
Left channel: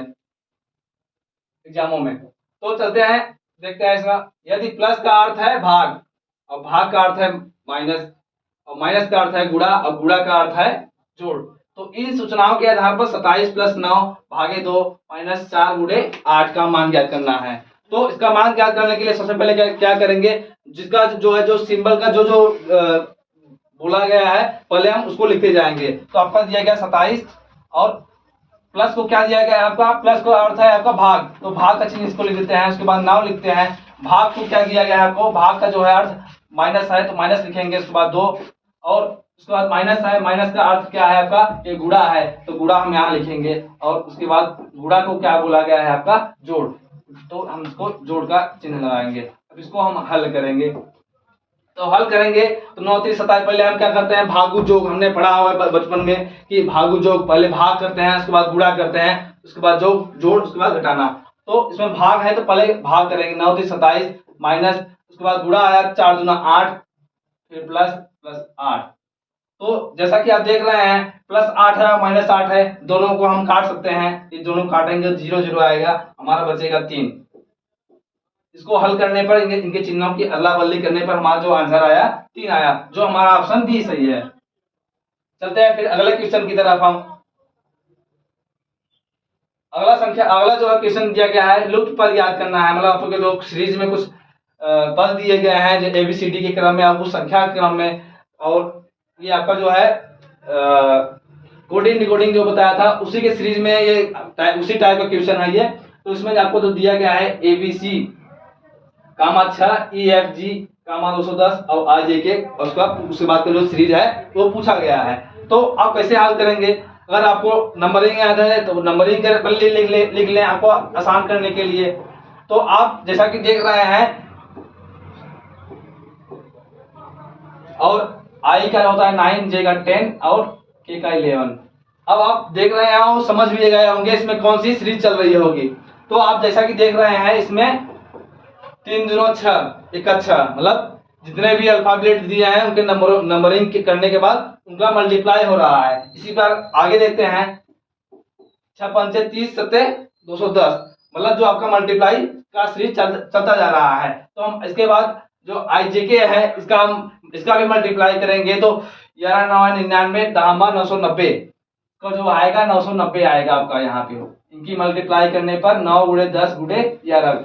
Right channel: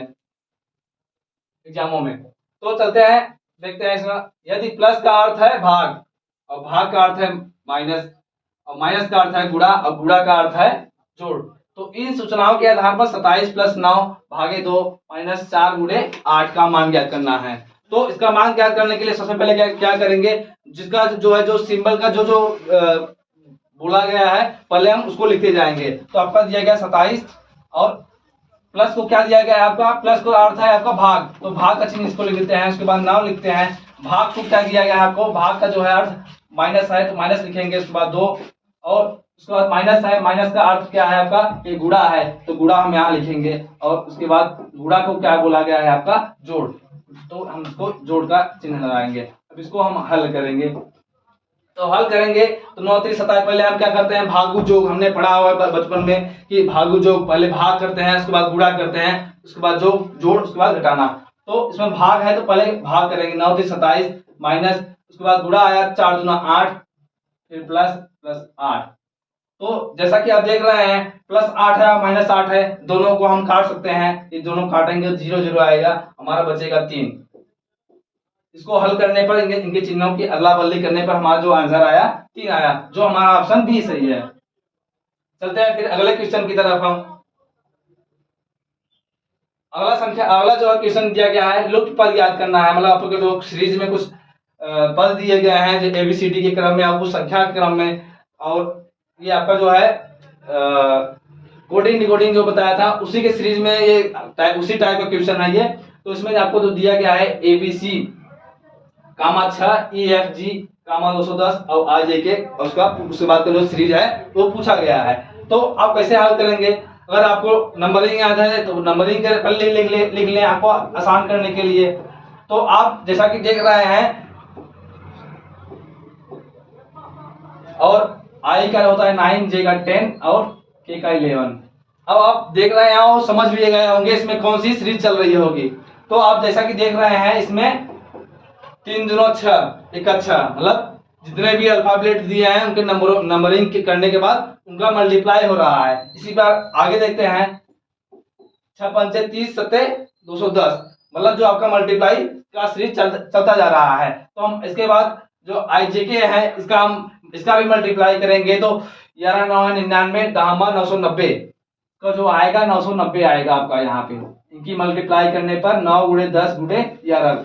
एग्जामों में। तो चलते हैं देखते हैं इसका। यदि प्लस का अर्थ है भाग और भाग का अर्थ है माइनस और माइनस का अर्थ है गुणा और गुणा का अर्थ है जोड़, तो इन सूचनाओं के आधार पर 27 + 9 भागे 2 - 4 × 8 का मान ज्ञात करना है। तो इसका मान ज्ञात करने के लिए सबसे पहले क्या करेंगे, जिसका जो है जो सिंबल का जो बोला गया है पहले हम उसको लिखते जाएंगे। तो आपका दिया गया 27 और प्लस को क्या दिया गया है आपका, प्लस का अर्थ है आपका भाग, तो भाग का चिन्ह इसको लिख देते हैं। उसके बाद 9 लिखते हैं। भाग को क्या दिया गया है आपको, भाग का जो है अर्थ माइनस है तो माइनस लिखेंगे। उसके बाद 2 और उसके बाद माइनस है, माइनस का अर्थ क्या है आपका, ये गुणा है तो गुणा हम यहाँ लिखेंगे। और उसके बाद गुणा को क्या बोला गया है आपका, जोड़, तो हम इसको जोड़ का चिन्ह लगाएंगे। अब इसको हम हल करेंगे। तो हल करेंगे तो 9 3 27, पहले हम क्या करते हैं भागु जोग, हमने पढ़ा हुआ है बचपन में कि भागु जोग पहले भाग करते हैं, उसके बाद गुणा करते हैं, उसके बाद जोड़, उसके बाद घटाना। तो इसमें भाग है तो पहले भाग करेंगे 9 3 27 माइनस, उसके बाद गुणा आया 4 दूना 8, फिर प्लस 8। तो जैसा कि आप देख रहे हैं +8 है -8 है, दोनों को हम काट सकते हैं। ये दोनों काटेंगे 0 0 आएगा, हमारा बचेगा 3। इसको हल करने पर इनके चिन्हों की अदला बदली करने पर हमारा जो आंसर आया 3 आया, जो हमारा ऑप्शन बी सही है। चलते हैं फिर अगले क्वेश्चन की तरफ हम। अगला जो क्वेश्चन दिया गया है लुप्त पद याद करना है, मतलब आपको जो सीरीज में कुछ पद दिए गए हैं जो ABCD के क्रम में या कुछ संख्या के क्रम में, और ये आपका जो है कोडिंग डिकोडिंग जो बताया था उसी के सीरीज में ये उसी टाइप का क्वेश्चन है ये। तो इसमें आपको जो दिया गया है ABC, 6 EFG, 210 और IJK, और उसके बाद का जो सीरीज है वो पूछा गया है। तो आप कैसे हल करेंगे, अगर आपको नंबरिंग याद है तो नंबरिंग के पहले लिख लें आपको आसान करने के लिए। तो आप जैसा कि देख रहे हैं, और I का होता है 9, J का 10 और K का 11। अब आप देख रहे हैं समझ भी गए होंगे इसमें कौन सी सीरीज चल रही होगी। तो आप जैसा कि देख रहे हैं इसमें 3 दूना 6 एक अच्छा, मतलब जितने भी अल्फाबेट दिए हैं उनके नंबरिंग करने के बाद उनका मल्टीप्लाई हो रहा है। इसी बार आगे देखते हैं 6 पंचे 30 सत्ते 210, मतलब जो आपका मल्टीप्लाई का सीरीज चलता जा रहा है। तो हम इसके बाद जो IJK है इसका भी मल्टीप्लाई करेंगे। तो 11 9 99 10 990 का जो आएगा 990 आएगा आपका यहाँ पे। इनकी मल्टीप्लाई करने पर 9 × 10 × 11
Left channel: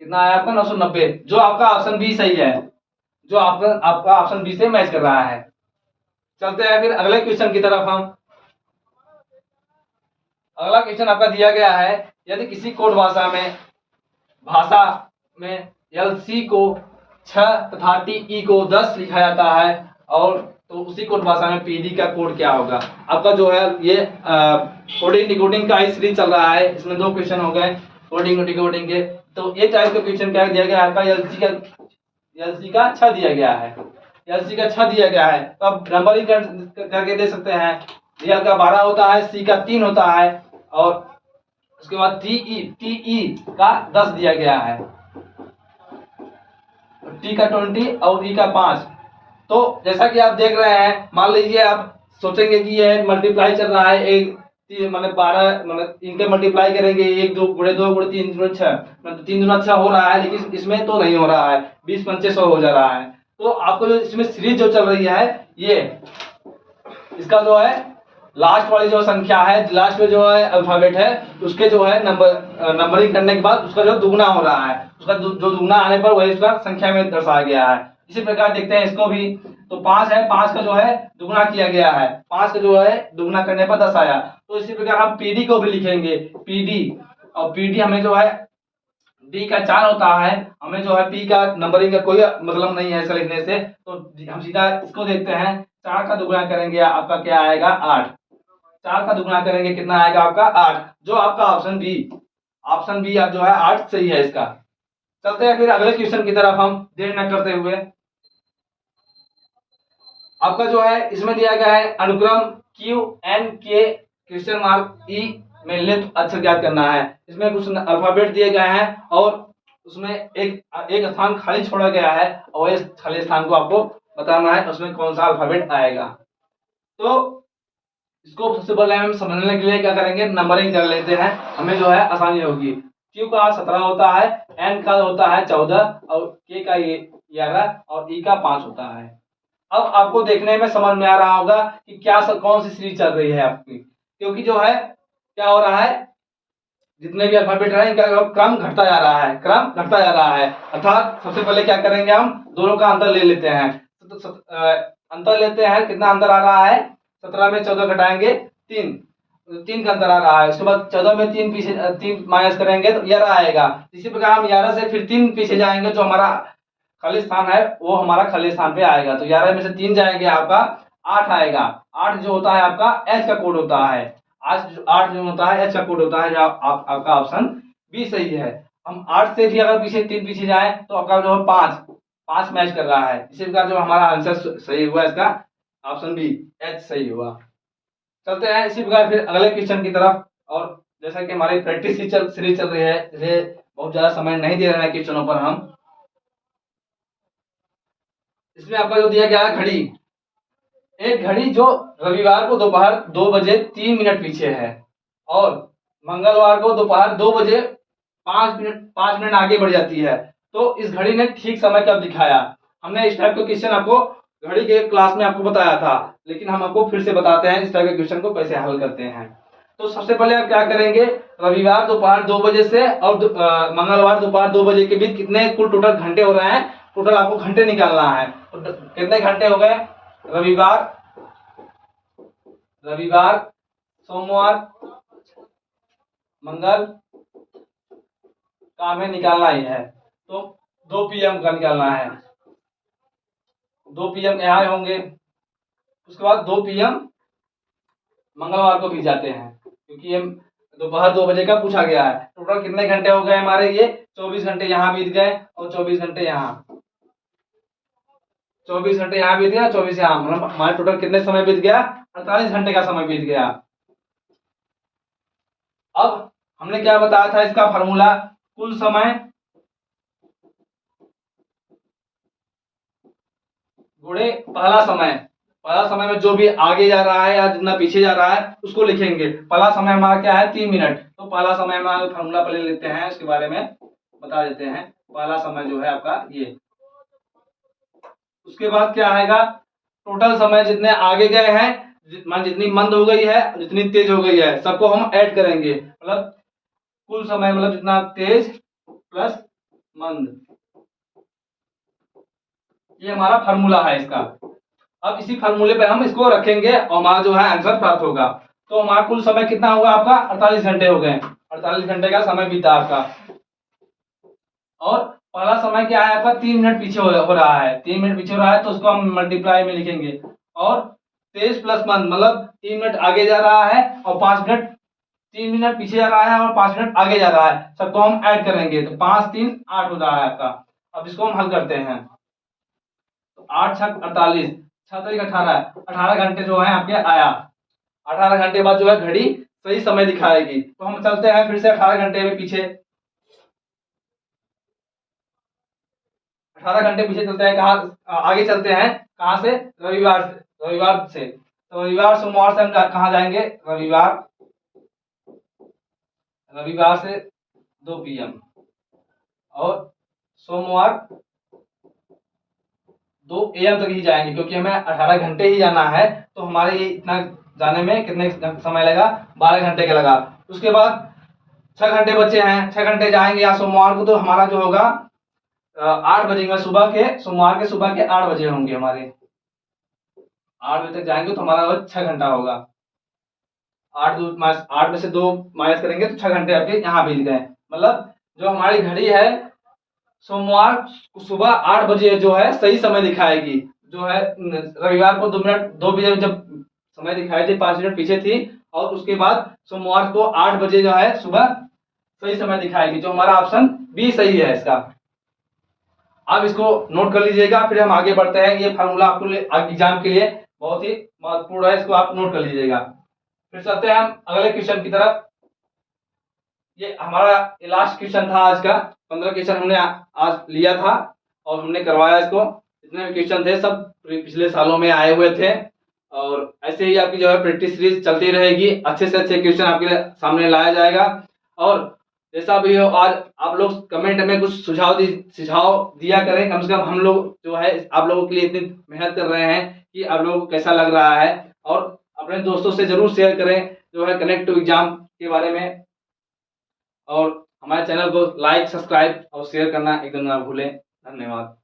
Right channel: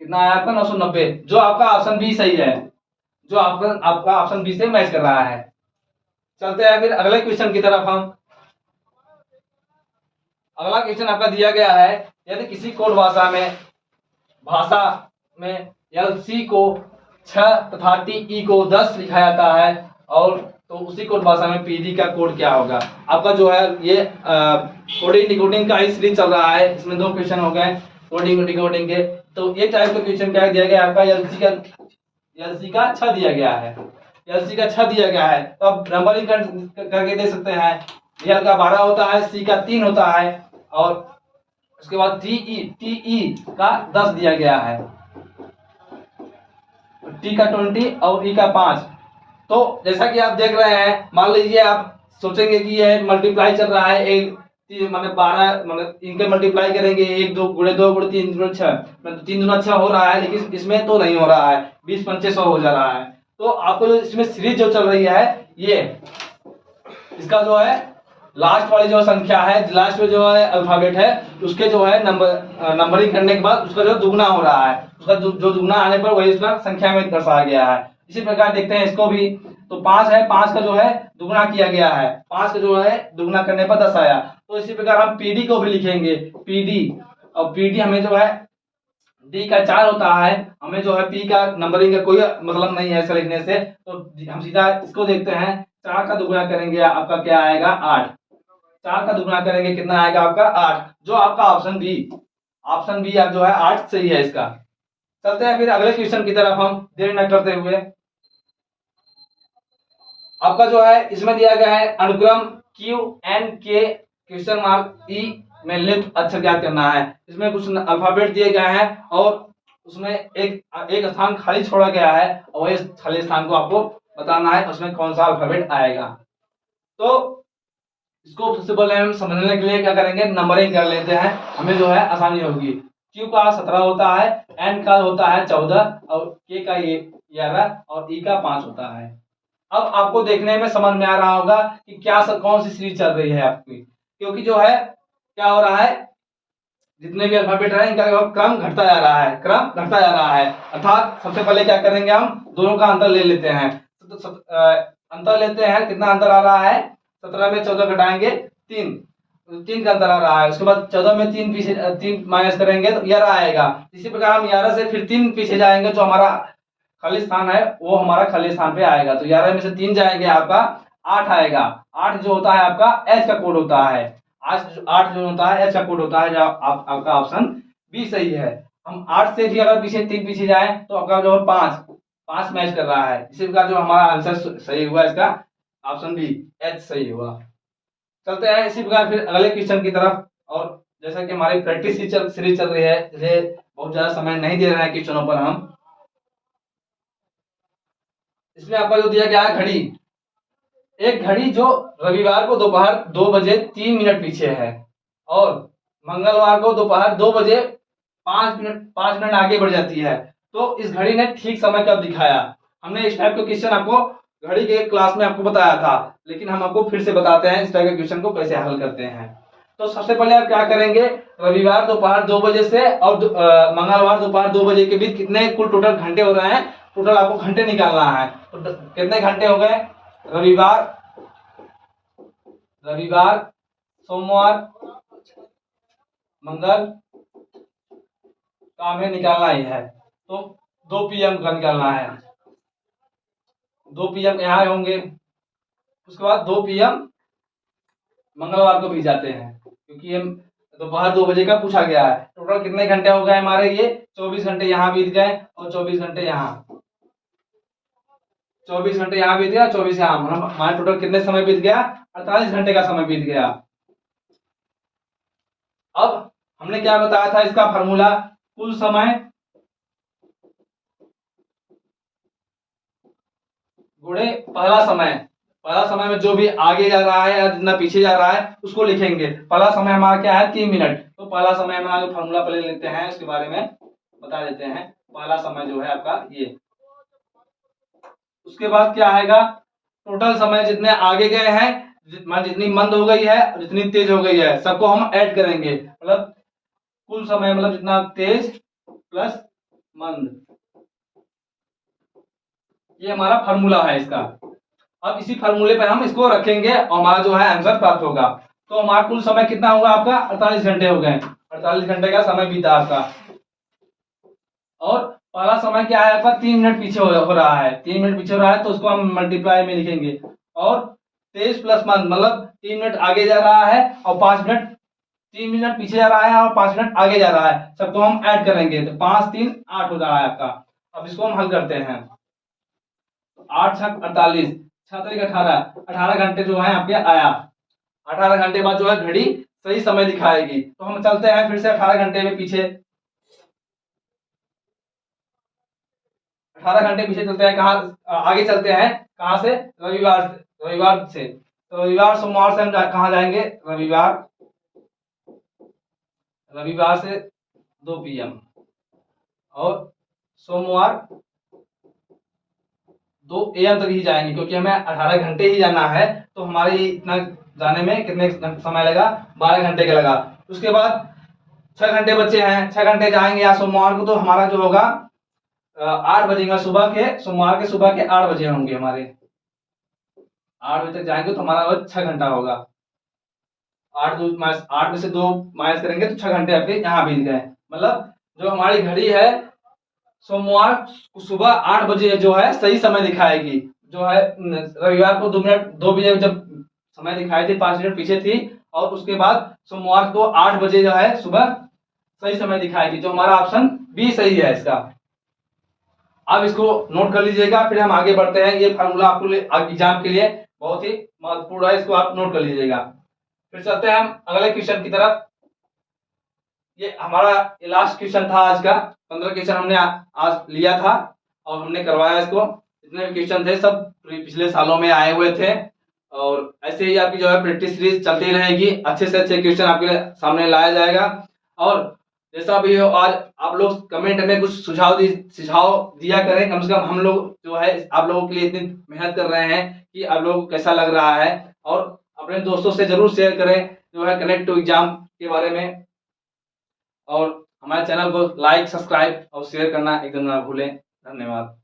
कितना आया आपका 990, जो आपका ऑप्शन बी सही है, जो आपका ऑप्शन बी से मैच कर रहा है। चलते हैं फिर अगले क्वेश्चन की तरफ हम। अगला क्वेश्चन आपका दिया गया है, यदि किसी कोड भाषा में LC को 6 तथा TE को 10 लिखा जाता है, और तो उसी कोड भाषा में PD का कोड क्या होगा। आपका जो है ये कोडिंग डिकोडिंग का ही सीरीज चल रहा है। इसमें 2 क्वेश्चन हो गए कोडिंग डिकोडिंग के। तो ये टाइप का क्वेश्चन क्या दिया गया है आपका, LC का 6 दिया गया है। एलसी का 6 दिया गया है, तो अब नंबरिंग करके दे सकते हैं। रियल का 12 होता है, सी का 3 होता है, और उसके बाद टीई का 10 दिया गया है, टी का 20 और ई का 5। तो जैसा कि आप देख रहे हैं, मान लीजिए आप सोचेंगे कि यह मल्टीप्लाई चल रहा है, एक मतलब 12 मतलब इनके मल्टीप्लाई करेंगे, 1 2 गुणे 2 गुणे 3 गुणे 6, मतलब 3 गुना 6 हो रहा है, लेकिन इसमें तो नहीं हो रहा है, 20 पंचे 100 हो जा रहा है। तो आपको जो इसमें सीरीज जो चल रही है, ये इसका जो है लास्ट वाली जो संख्या है, लास्ट में जो है अल्फाबेट है, उसके जो है नंबरिंग करने के बाद उसका जो दुगना हो रहा है, उसका जो दुगना आने पर वही उसका संख्या में दर्शाया गया है। इसी प्रकार देखते हैं इसको भी, तो 5 है, 5 का जो है दुगना किया गया है, 5 का जो है दुगना करने पर 10 आया। तो इसी प्रकार हम पीडी को भी लिखेंगे, पीडी, और पीडी हमें जो है डी का 4 होता है, हमें जो है पी का नंबरिंग का कोई मतलब नहीं है ऐसा लिखने से, तो हम सीधा इसको देखते हैं। 4 का दुगना करेंगे आपका क्या आएगा, 8। 4 का दुगना करेंगे कितना आएगा आपका, 8, जो आपका ऑप्शन बी आप जो है 8 सही है इसका। चलते हैं फिर अगले क्वेश्चन की तरफ, हम देर न करते हुए। आपका जो है इसमें दिया गया है अनुक्रम क्यू एन के क्वेश्चन मार्क ई में लिप्त अक्षर ज्ञात करना है। इसमें कुछ अल्फाबेट दिए गए हैं और उसमें एक स्थान खाली छोड़ा गया है, और इस खाली स्थान को आपको बताना है उसमें कौन सा अल्फाबेट आएगा। तो इसको सबसे पहले हम समझने के लिए क्या करेंगे, नंबरिंग कर लेते हैं, हमें जो है आसानी होगी। क्यू का 17 होता है, एन का होता है 14, और के का 11, और ई का 5 होता है। अब आपको देखने में समझ में आ रहा होगा कि क्या कौन सी सीरीज चल रही है आपकी, क्योंकि जो है क्या हो रहा है, जितने भी अल्फाबेट है इनका क्रम घटता जा रहा है, क्रम घटता जा रहा है। अर्थात सबसे पहले क्या करेंगे, हम दोनों का अंतर ले लेते हैं। तो अंतर लेते हैं, कितना अंतर आ रहा है, 17 में 14 घटाएंगे 3, 3 का अंतर आ रहा है। उसके बाद 14 में 3 पीछे 3 माइनस करेंगे तो 11 आएगा। इसी प्रकार हम 11 से फिर 3 पीछे जाएंगे, जो हमारा खाली स्थान है वो हमारा खाली स्थान पे आएगा, तो 11 में से 3 जाएंगे आपका 8 आएगा। 8 जो होता है आपका एच का कोड होता है, 8 जो होता है एच का कोड होता है, जो आपका ऑप्शन बी सही है। हम 8 से भी अगर पीछे 3 पीछे जाए तो आपका जो है 5 मैच कर रहा है, इसी प्रकार जो हमारा आंसर सही हुआ इसका ऑप्शन बी एच सही हुआ। चलते हैं इसी प्रकार फिर अगले क्वेश्चन की तरफ। और जैसा कि हमारी प्रैक्टिस सीरीज चल रही है, इसलिए बहुत ज्यादा समय नहीं दे रहे हैं क्वेश्चनों पर हम। इसमें आपका जो दिया गया है घड़ी, एक घड़ी जो रविवार को दोपहर 2 बजे 3 मिनट पीछे है, और मंगलवार को दोपहर 2 बजे 5 मिनट आगे बढ़ जाती है, तो इस घड़ी ने ठीक समय कब दिखाया। हमने इस टाइप का क्वेश्चन आपको घड़ी के क्लास में आपको बताया था, लेकिन हम आपको फिर से बताते हैं इस टाइप के क्वेश्चन को कैसे हल करते हैं। तो सबसे पहले आप क्या करेंगे, रविवार दोपहर 2 बजे से और मंगलवार दोपहर 2 बजे के बीच कितने कुल टोटल घंटे हो रहे हैं, टोटल आपको घंटे निकालना है। तो कितने घंटे हो गए, रविवार सोमवार मंगल का हमें निकालना ही है, तो 2 PM का निकालना है, 2 PM यहाँ होंगे। उसके बाद 2 PM मंगलवार को भी जाते हैं, क्योंकि हम दोपहर 2 बजे का पूछा गया है। टोटल कितने घंटे हो गए हमारे, ये 24 घंटे यहाँ बीत गए और 24 घंटे यहाँ, 24 घंटे यहाँ बीत गया, 24 यहाँ, मतलब हमारे टोटल कितने समय बीत गया, 48 घंटे का समय बीत गया। अब हमने क्या बताया था इसका फार्मूला, कुल समय गुणे पहला समय। पहला समय में जो भी आगे जा रहा है या जितना पीछे जा रहा है उसको लिखेंगे। पहला समय हमारा क्या है, 3 मिनट, तो पहला समय हमारा फार्मूला पहले लेते हैं, उसके बारे में बता देते हैं। पहला समय जो है आपका ये, उसके बाद क्या आएगा, टोटल समय जितने आगे गए हैं, जितनी मंद हो गई है जितनी तेज हो गई है, सबको हम ऐड करेंगे, मतलब कुल समय मतलब जितना तेज प्लस मंद, ये हमारा फार्मूला है इसका। अब इसी फार्मूले पे हम इसको रखेंगे और हमारा जो है आंसर प्राप्त होगा। तो हमारा कुल समय कितना हुआ आपका, 48 घंटे हो गए, 48 घंटे का समय बीता आपका। और पहला समय क्या है आपका, 3 मिनट पीछे हो रहा है, 3 मिनट पीछे हो रहा है, तो उसको हम मल्टीप्लाई में लिखेंगे। और तेज प्लस मंद मतलब 3 मिनट आगे जा रहा है और 5 मिनट, 3 मिनट पीछे जा रहा है और 5 मिनट आगे जा रहा है, सबको हम ऐड करेंगे, तो 5 3 8 हो रहा है आपका। अब इसको हम हल करते हैं। 8 छक 48, 6 तारीख 18 घंटे जो है आपके आया। 18 घंटे बाद जो है घड़ी सही समय दिखाएगी। तो हम चलते हैं फिर से 18 घंटे में पीछे, 18 घंटे पीछे चलते हैं। कहाँ आगे चलते हैं, कहाँ से, रविवार से। तो रविवार सोमवार से हम कहाँ जाएंगे, रविवार से 2 PM, और सोमवार 2 AM तक ही जाएंगे, क्योंकि हमें 18 घंटे ही जाना है। तो हमारे इतना जाने में कितने समय लगा, 12 घंटे का लगा। उसके बाद 6 घंटे बचे हैं, 6 घंटे जाएंगे यहाँ सोमवार को, तो हमारा जो होगा 8 बजेगा सुबह के, सोमवार के सुबह के 8 बजे होंगे हमारे। 8 बजे तक जाएंगे तो हमारा 6 घंटा होगा। 8 में से 2 माइनस करेंगे तो 6 घंटे आपके यहाँ बीत गए। मतलब जो हमारी घड़ी है सोमवार को सुबह 8 बजे जो है सही समय दिखाएगी। जो है रविवार को 2 बजे जब समय दिखाई थी, 5 मिनट पीछे थी, और उसके बाद सोमवार को 8 बजे जो है सुबह सही समय दिखाएगी। जो हमारा ऑप्शन बी सही है इसका। आप इसको नोट कर लीजिएगा, फिर हम आगे बढ़ते हैं। ये फार्मूला आपको एग्जाम के लिए बहुत ही महत्वपूर्ण है, इसको आप नोट कर लीजिएगा। फिर चलते हैं हम अगले क्वेश्चन की तरफ। ये हमारा लास्ट क्वेश्चन था आज का। 15 क्वेश्चन हमने आज लिया था और हमने करवाया इसको। जितने भी क्वेश्चन थे सब पिछले सालों में आए हुए थे, और ऐसे ही आपकी जो है प्रैक्टिस सीरीज चलती रहेगी। अच्छे से अच्छे क्वेश्चन आपके सामने लाया जाएगा। और जैसा भी हो, आज आप लोग कमेंट में कुछ सुझाव दिया करें। कम से कम हम लोग जो है आप लोगों के लिए इतनी मेहनत कर रहे हैं कि आप लोगों को कैसा लग रहा है। और अपने दोस्तों से जरूर शेयर करें जो है कनेक्ट टू एग्जाम के बारे में। और हमारे चैनल को लाइक, सब्सक्राइब और शेयर करना एकदम ना भूलें। धन्यवाद।